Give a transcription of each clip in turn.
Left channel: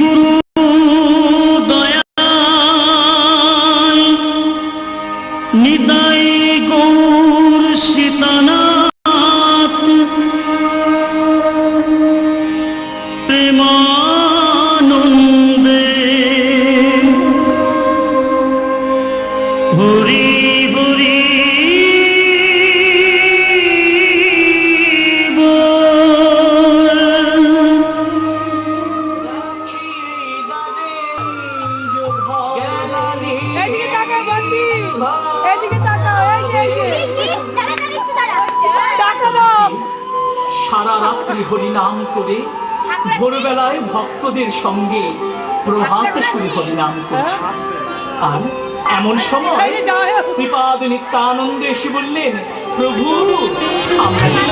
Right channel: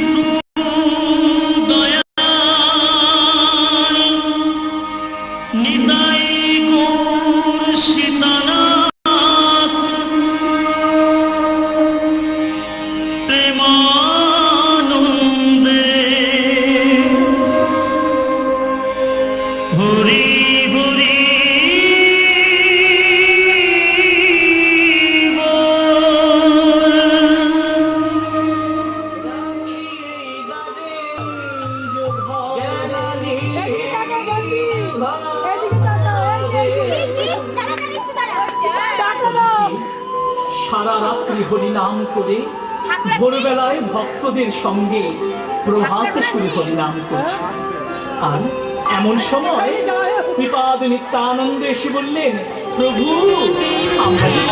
গুরু দয়াল নিতাই গৌর সীতানাথ প্রেমানন্দে হরি হরি সারা রাত্রি হরিনাম করে ভোরবেলায় ভক্তদের সঙ্গে প্রভাত শুরু হরিনাম করছে। আর এমন সময় শ্রীপাদ নিত্যানন্দ এসে বললেন, প্রভু আমরা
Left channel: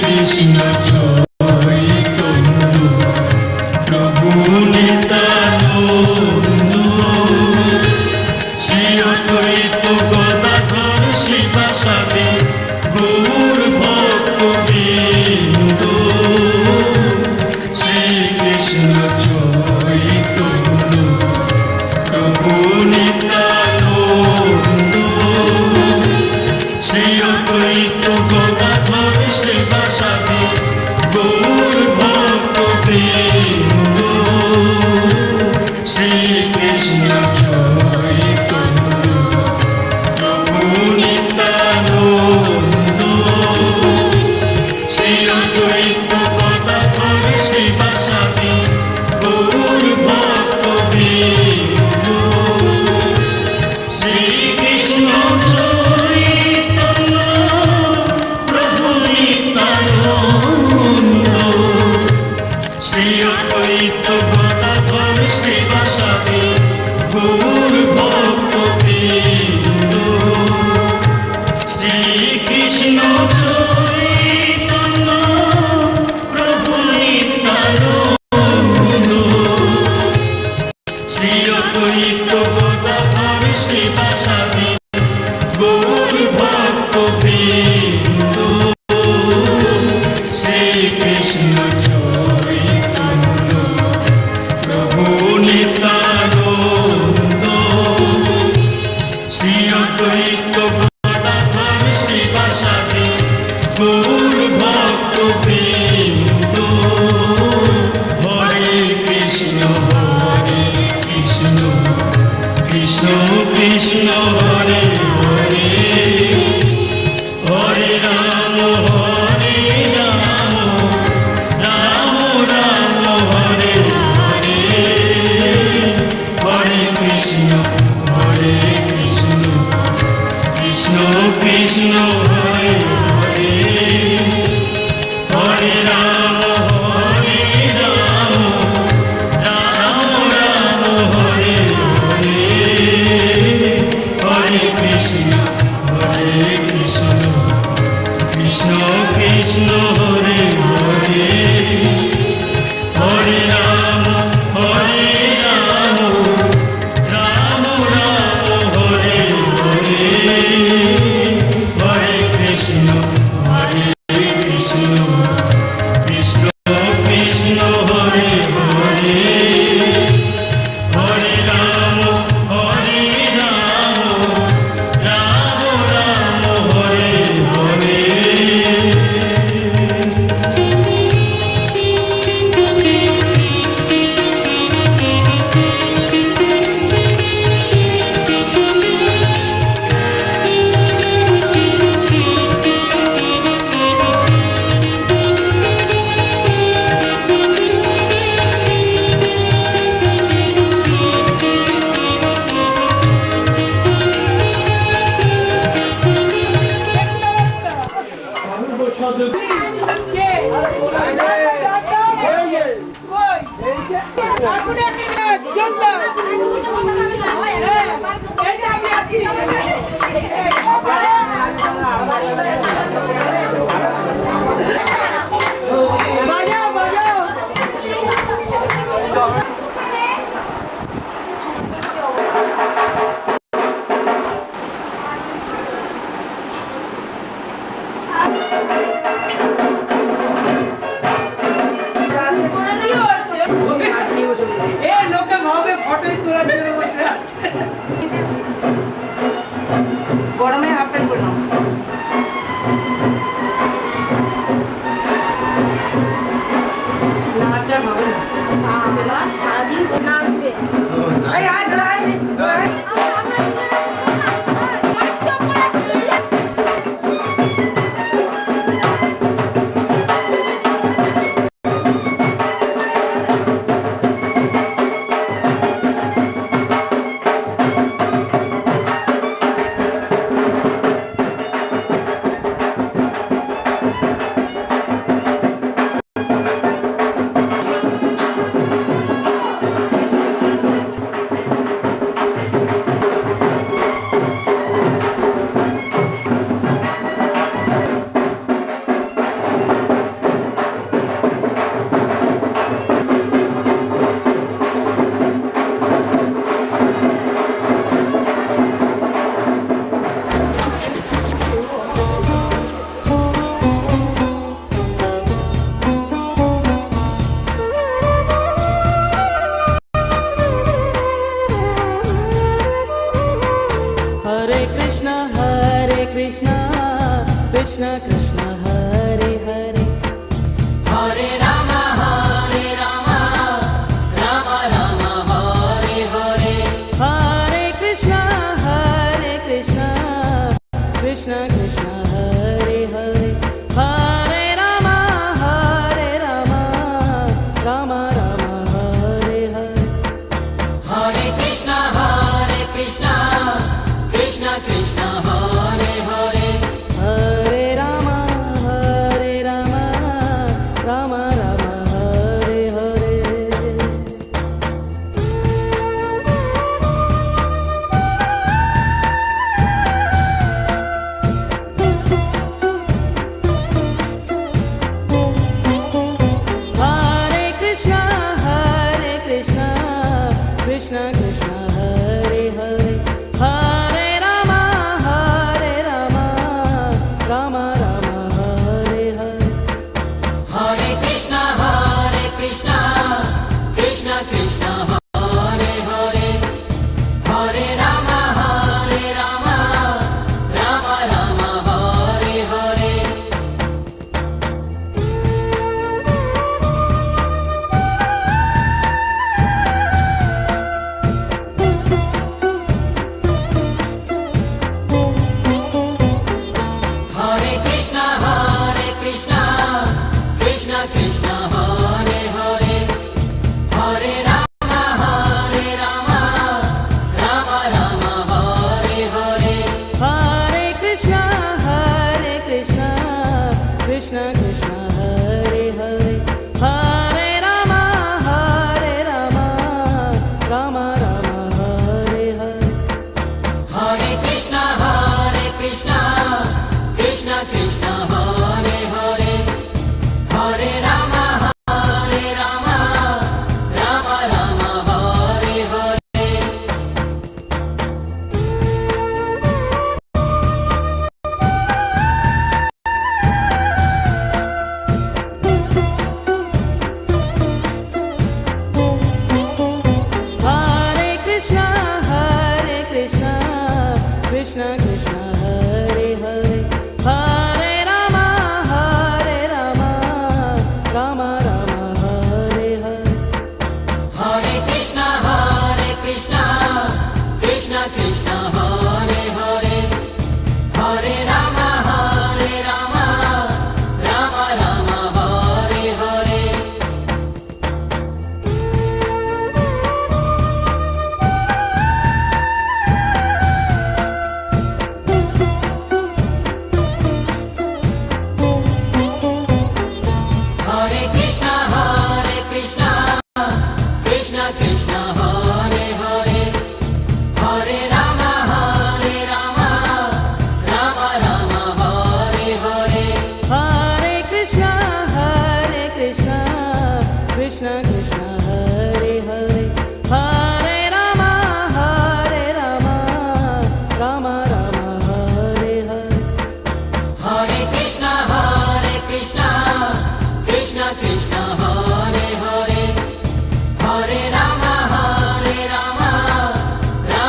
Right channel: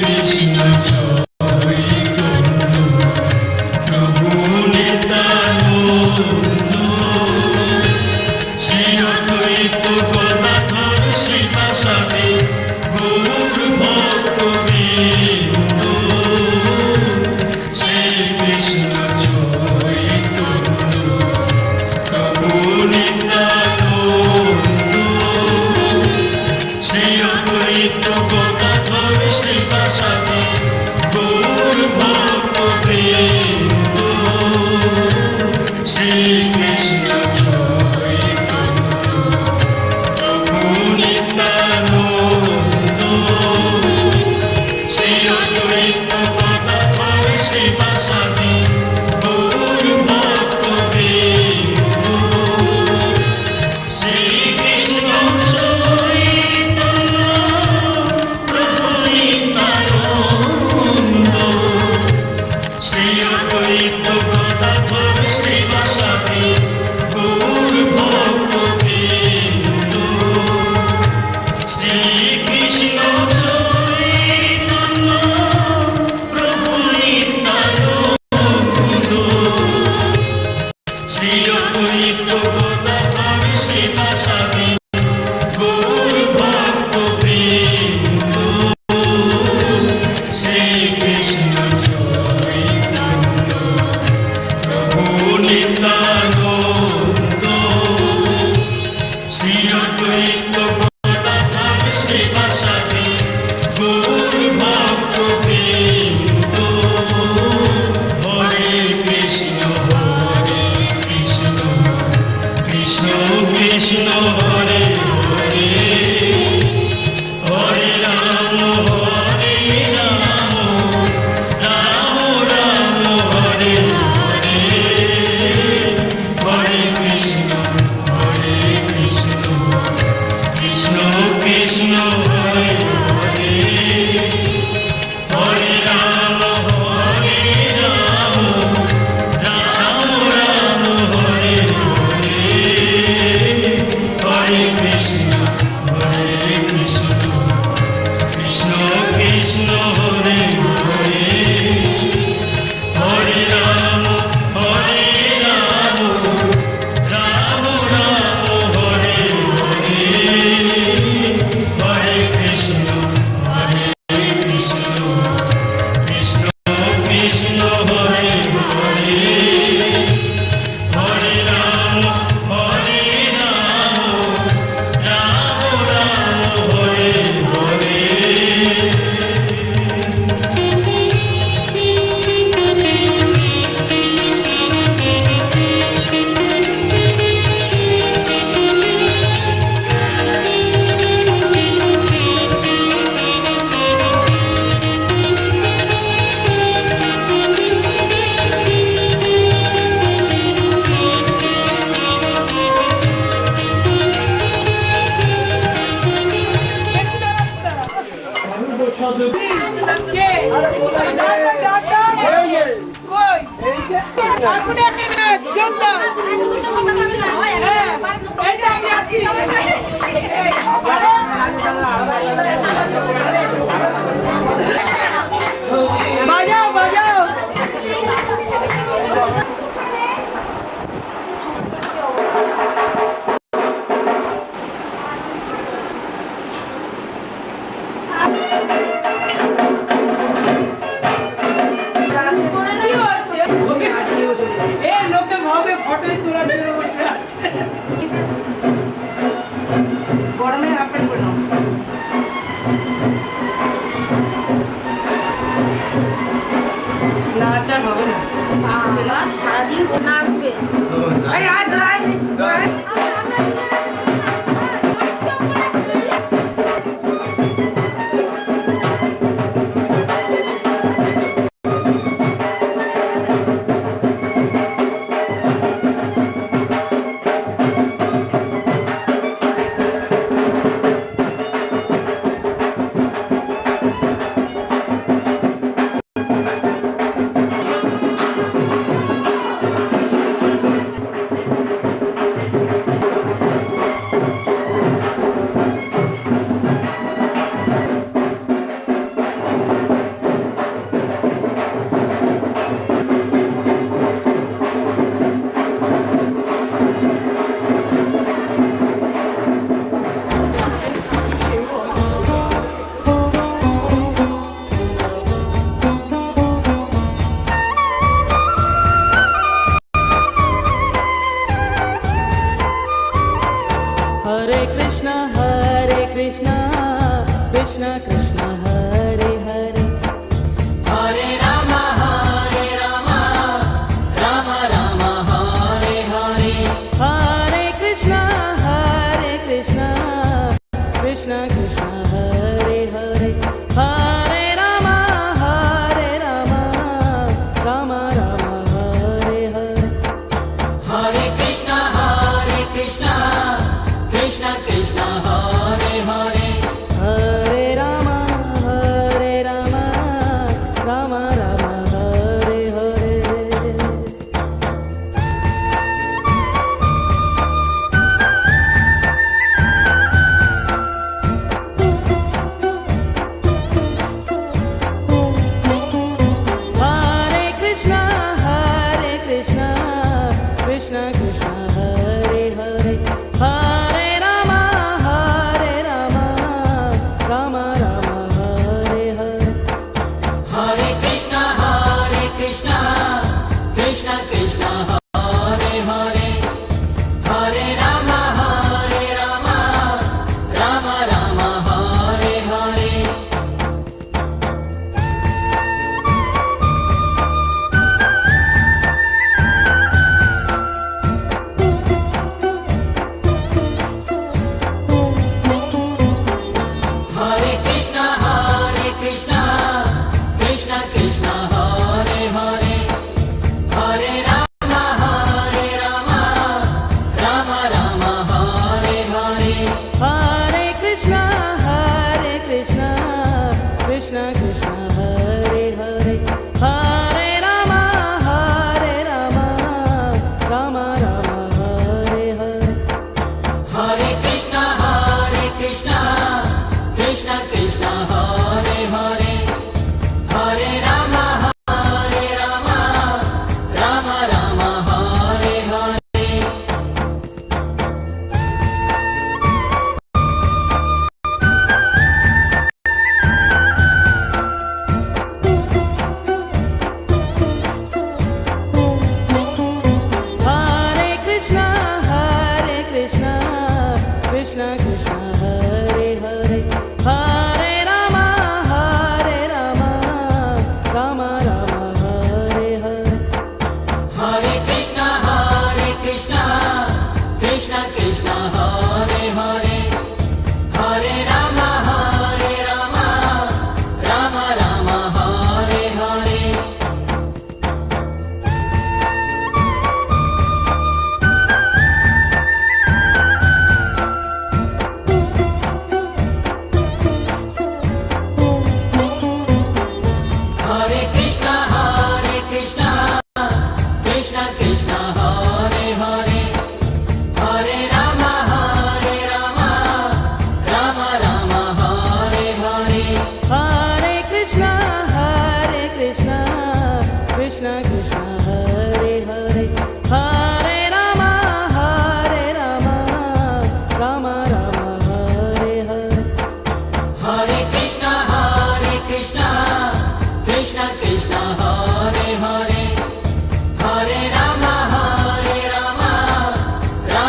কৃষ্ণ চৈতন্য প্রভু নিত্যানন্দ শ্রী অদ্বৈত গদাধর শ্রীবাসাদি গৌর ভক্তবৃন্দ শ্রীকৃষ্ণ চৈতন্য প্রভু নিত্যানন্দ শ্রী অদ্বৈত গদাধর শ্রীবাসাদি গৌর ভক্তবৃন্দ শ্রীকৃষ্ণ চৈতন্য প্রভু নিত্যানন্দ শ্রী অদ্বৈত গদাধর শ্রীবাসাদি গৌর ভক্তবৃন্দ শ্রীকৃষ্ণ চৈতন্য প্রভু নিত্যানন্দ শ্রী অদ্বৈত গদাধর শ্রীবাসাদি গৌর ভক্তবৃন্দ শ্রীকৃষ্ণ চৈতন্য প্রভু নিত্যানন্দ শ্রী অদ্বৈত গদাধর শ্রীবাসাদি গৌর ভক্তবৃন্দ শ্রীকৃষ্ণ চৈতন্য প্রভু নিত্যানন্দ শ্রী অদ্বৈত গদাধর শ্রীবাসাদি গৌর ভক্তবৃন্দ হরে কৃষ্ণ কৃষ্ণ কৃষ্ণ হরে হরে হরে রাম রাম রাম হরে হরে হরে কৃষ্ণ কৃষ্ণ কৃষ্ণ হরে হরে হরে রাম রাম রাম হরে হরে হরে কৃষ্ণ কৃষ্ণ কৃষ্ণ হরে হরে হরে রাম রাম রাম হরে হরে হরে কৃষ্ণ কৃষ্ণ কৃষ্ণ হরে হরে হরে রাম রাম রাম হরে হরে বাজাও বাজাও গরমে হাফ প্যান্ট পরে নাও। নাচ আর হবে না। বাবা সারাদিন নাচবে। এই আয় দাঁড়ায়, দাঁড়ায়। Hare Krishna, Krishna Krishna, Hare Hare, Hare Rama, Rama Rama, Hare Hare, Hare Krishna, Krishna Krishna, Hare Hare, Hare Rama, Rama Rama, Hare Hare, Hare Krishna, Krishna Krishna, Hare Hare, Hare Rama, Rama Rama, Hare Hare. Hare Krishna, Krishna Krishna, Hare Hare, Hare Rama, Rama Rama, Hare Hare, Hare Krishna, Krishna Krishna, Hare Hare, Hare Rama, Rama Rama, Hare Hare. Hare Krishna, Krishna Krishna, Hare Hare, Hare Rama, Rama Rama, Hare Hare, Hare Krishna, Krishna Krishna, Hare Hare, Hare Rama, Rama Rama, Hare Hare, Hare Krishna, Krishna Krishna, Hare Hare, Hare Rama, Rama Rama, Hare Hare. Hare Krishna, Krishna Krishna, Hare Hare, Hare Rama, Rama Rama, Hare Hare, Hare Krishna, Krishna Krishna, Hare Hare, Hare Rama, Rama Rama, Hare Hare. Hare Krishna, Krishna Krishna, Hare Hare, Hare Rama, Rama Rama, Hare Hare, Hare Krishna, Krishna Krishna, Hare Hare, Hare Rama, Rama Rama, Hare Hare, Hare Krishna, Krishna Krishna, Hare Hare, Hare Rama, Rama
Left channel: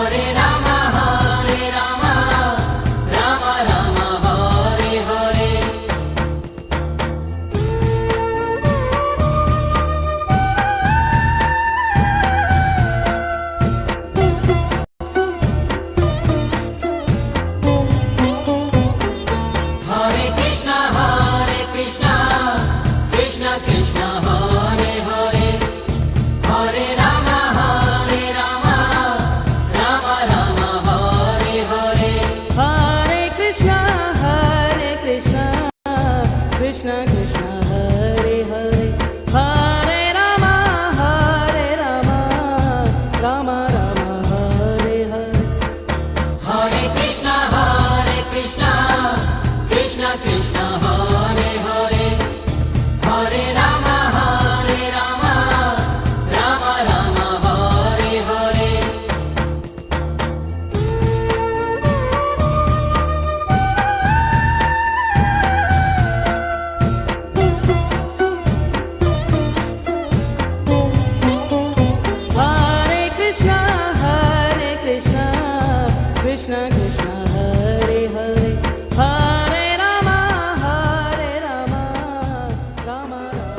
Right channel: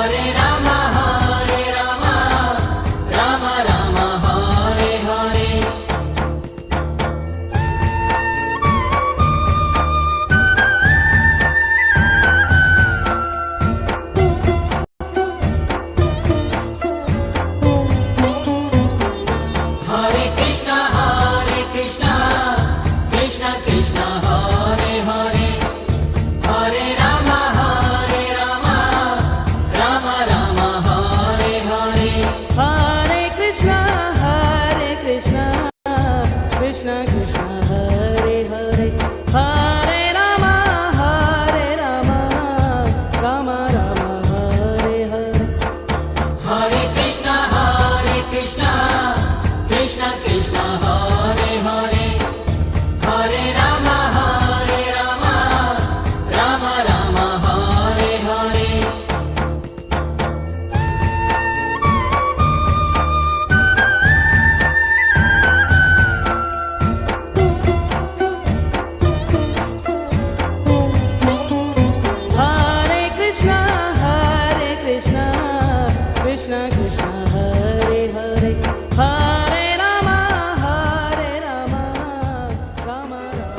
Hare Rama, Rama Rama, Hare Hare. Hare Krishna, Krishna Krishna, Hare Hare, Hare Rama, Rama Rama, Hare Hare. Hare Krishna, Krishna Krishna, Hare Hare, Hare Rama, Rama Rama, Hare Hare. Hare Krishna, Krishna Krishna, Hare Hare, Hare Rama, Rama Rama, Hare Hare. Hare Krishna, Krishna Krishna, Hare Hare, Hare Rama, Rama Rama.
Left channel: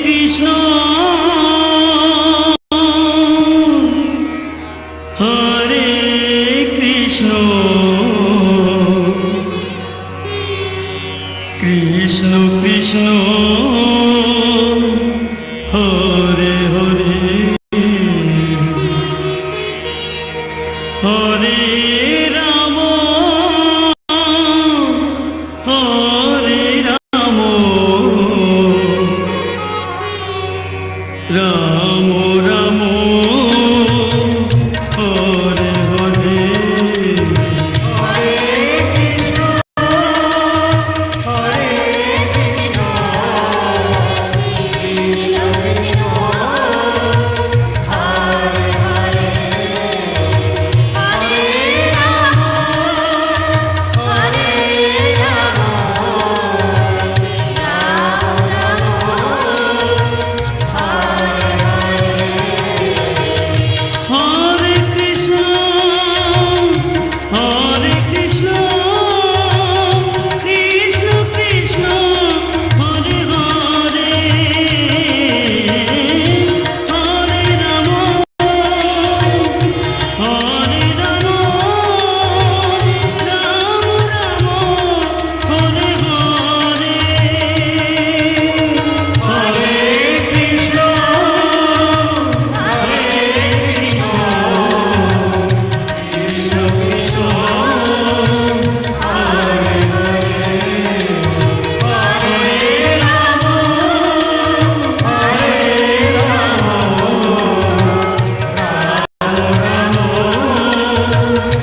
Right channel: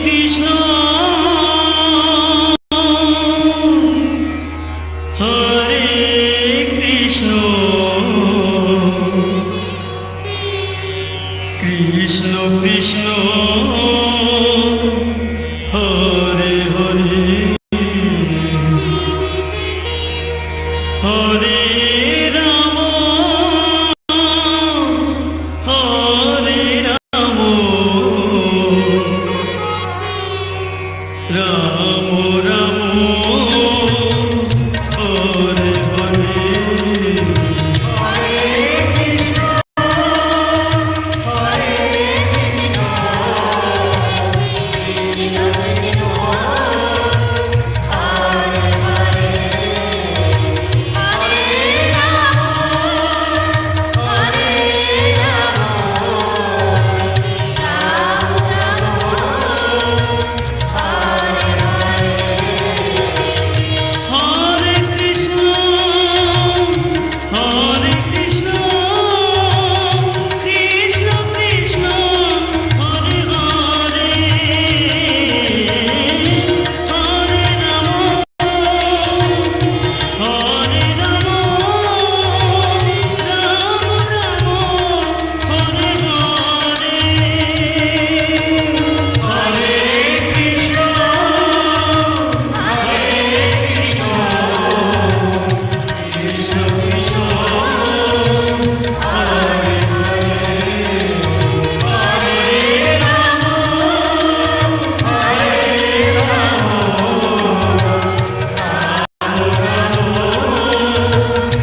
Krishna হরে কৃষ্ণ কৃষ্ণ কৃষ্ণ হরে হরে হরে রাম হরে রাম রাম রাম হরে হরে হরে কৃষ্ণ হরে কৃষ্ণ কৃষ্ণ কৃষ্ণ হরে হরে হরে রাম হরে রাম রাম রাম হরে হরে হরে কৃষ্ণ হরে কৃষ্ণ কৃষ্ণ কৃষ্ণ হরে হরে হরে রাম হরে রাম রাম রাম হরে হরে হরে কৃষ্ণ হরে কৃষ্ণ কৃষ্ণ কৃষ্ণ হরে হরে হরে রাম হরে রাম রাম রাম হরে হরে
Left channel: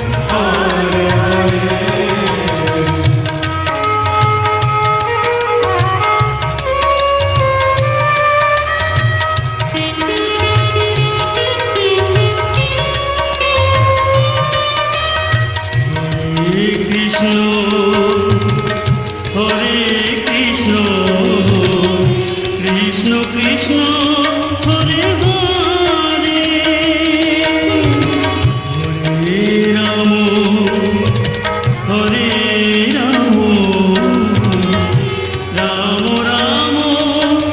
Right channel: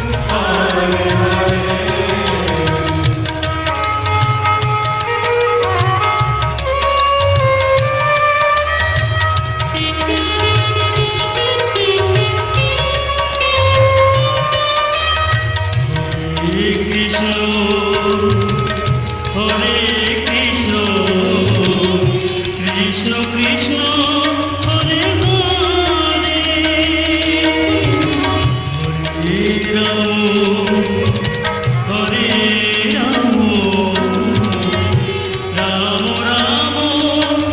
হরে কৃষ্ণ হরে কৃষ্ণ কৃষ্ণ কৃষ্ণ হরে হরে হরে রাম হরে রাম রাম রাম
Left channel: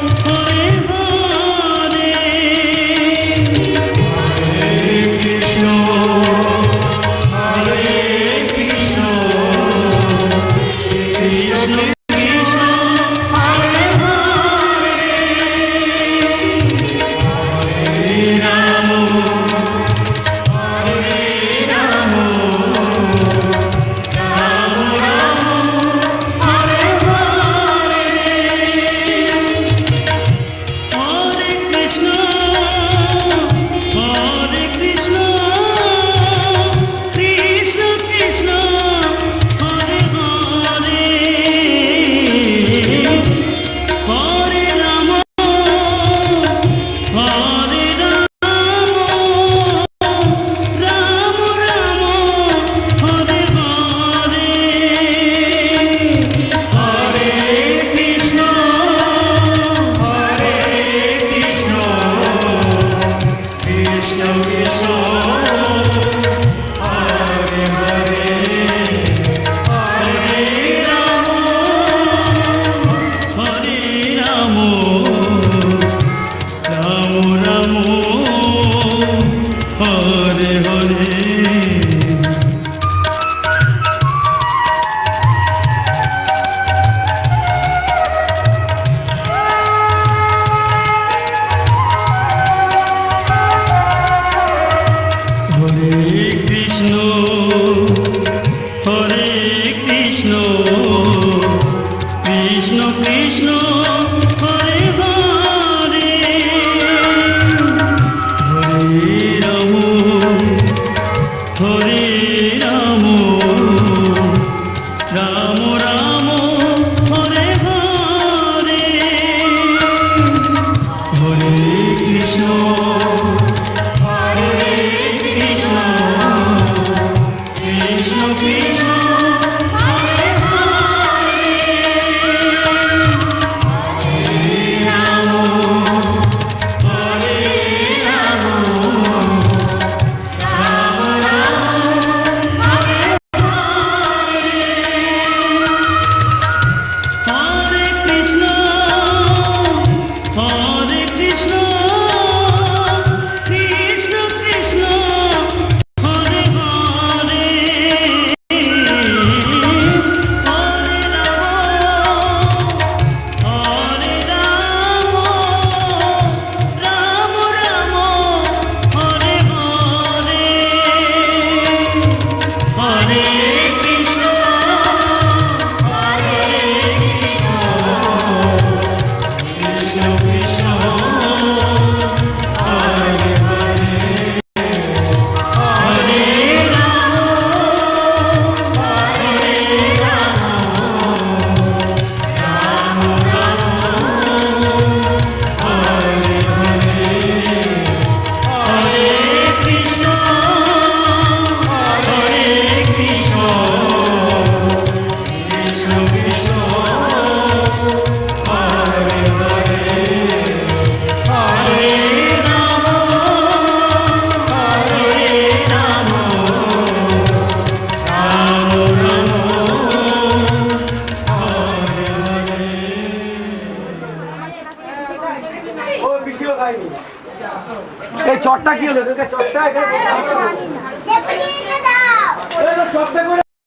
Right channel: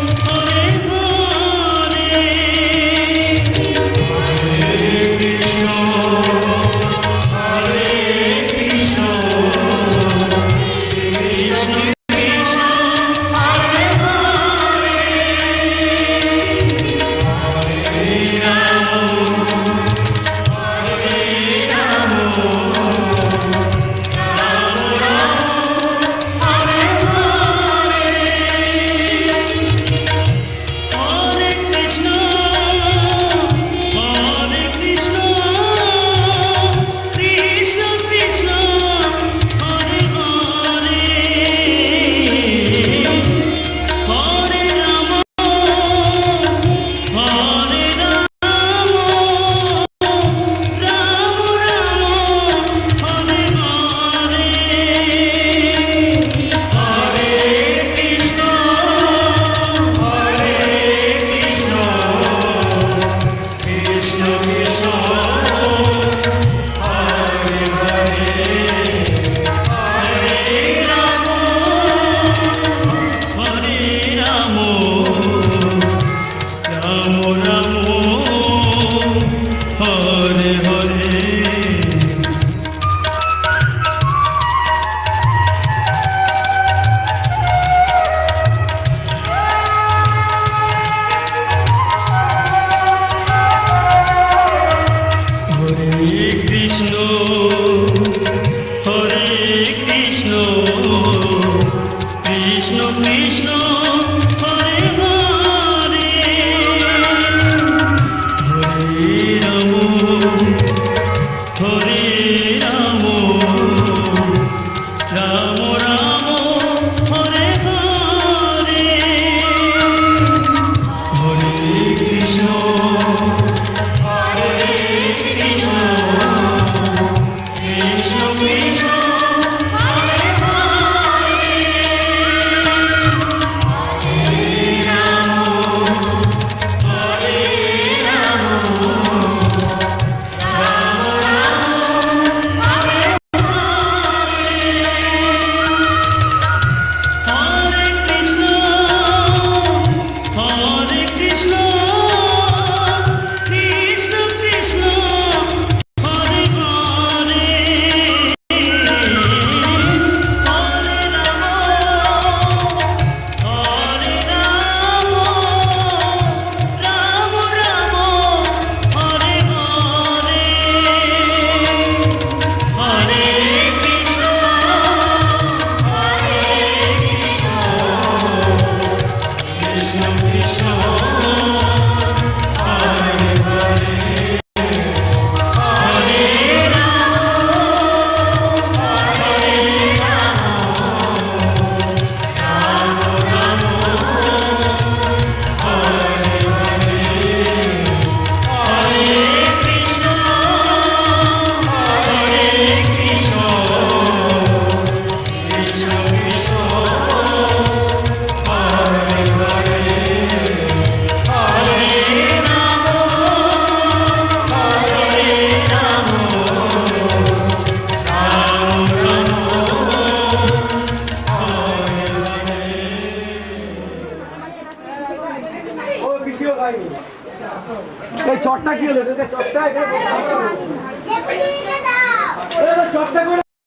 হরে হরে হরে কৃষ্ণ হরে কৃষ্ণ কৃষ্ণ কৃষ্ণ হরে হরে হরে রাম হরে রাম রাম রাম হরে হরে হরে কৃষ্ণ কৃষ্ণ কৃষ্ণ হরে হরে হরে রাম হরে রাম রাম রাম হরে হরে হরে কৃষ্ণ হরে কৃষ্ণ কৃষ্ণ কৃষ্ণ হরে হরে হরে রাম হরে রাম রাম রাম হরে হরে হরে কৃষ্ণ হরে কৃষ্ণ কৃষ্ণ কৃষ্ণ হরে হরে হরে রাম হরে রাম রাম রাম হরে হরে হরে কৃষ্ণ হরে কৃষ্ণ কৃষ্ণ কৃষ্ণ হরে হরে হরে রাম হরে রাম রাম রাম হরে হরে হরে কৃষ্ণ হরে কৃষ্ণ কৃষ্ণ কৃষ্ণ হরে হরে হরে রাম রাম রাম হরে হরে হরে কৃষ্ণ হরে কৃষ্ণ কৃষ্ণ কৃষ্ণ হরে হরে হরে রাম হরে রাম রাম রাম হরে হরে হরে কৃষ্ণ হরে কৃষ্ণ কৃষ্ণ কৃষ্ণ হরে হরে হরে রাম হরে রাম রাম রাম হরে হরে ও পিছিয়ে খাইনি এই চটটা কি হলো চটটা এখানে চটটা করে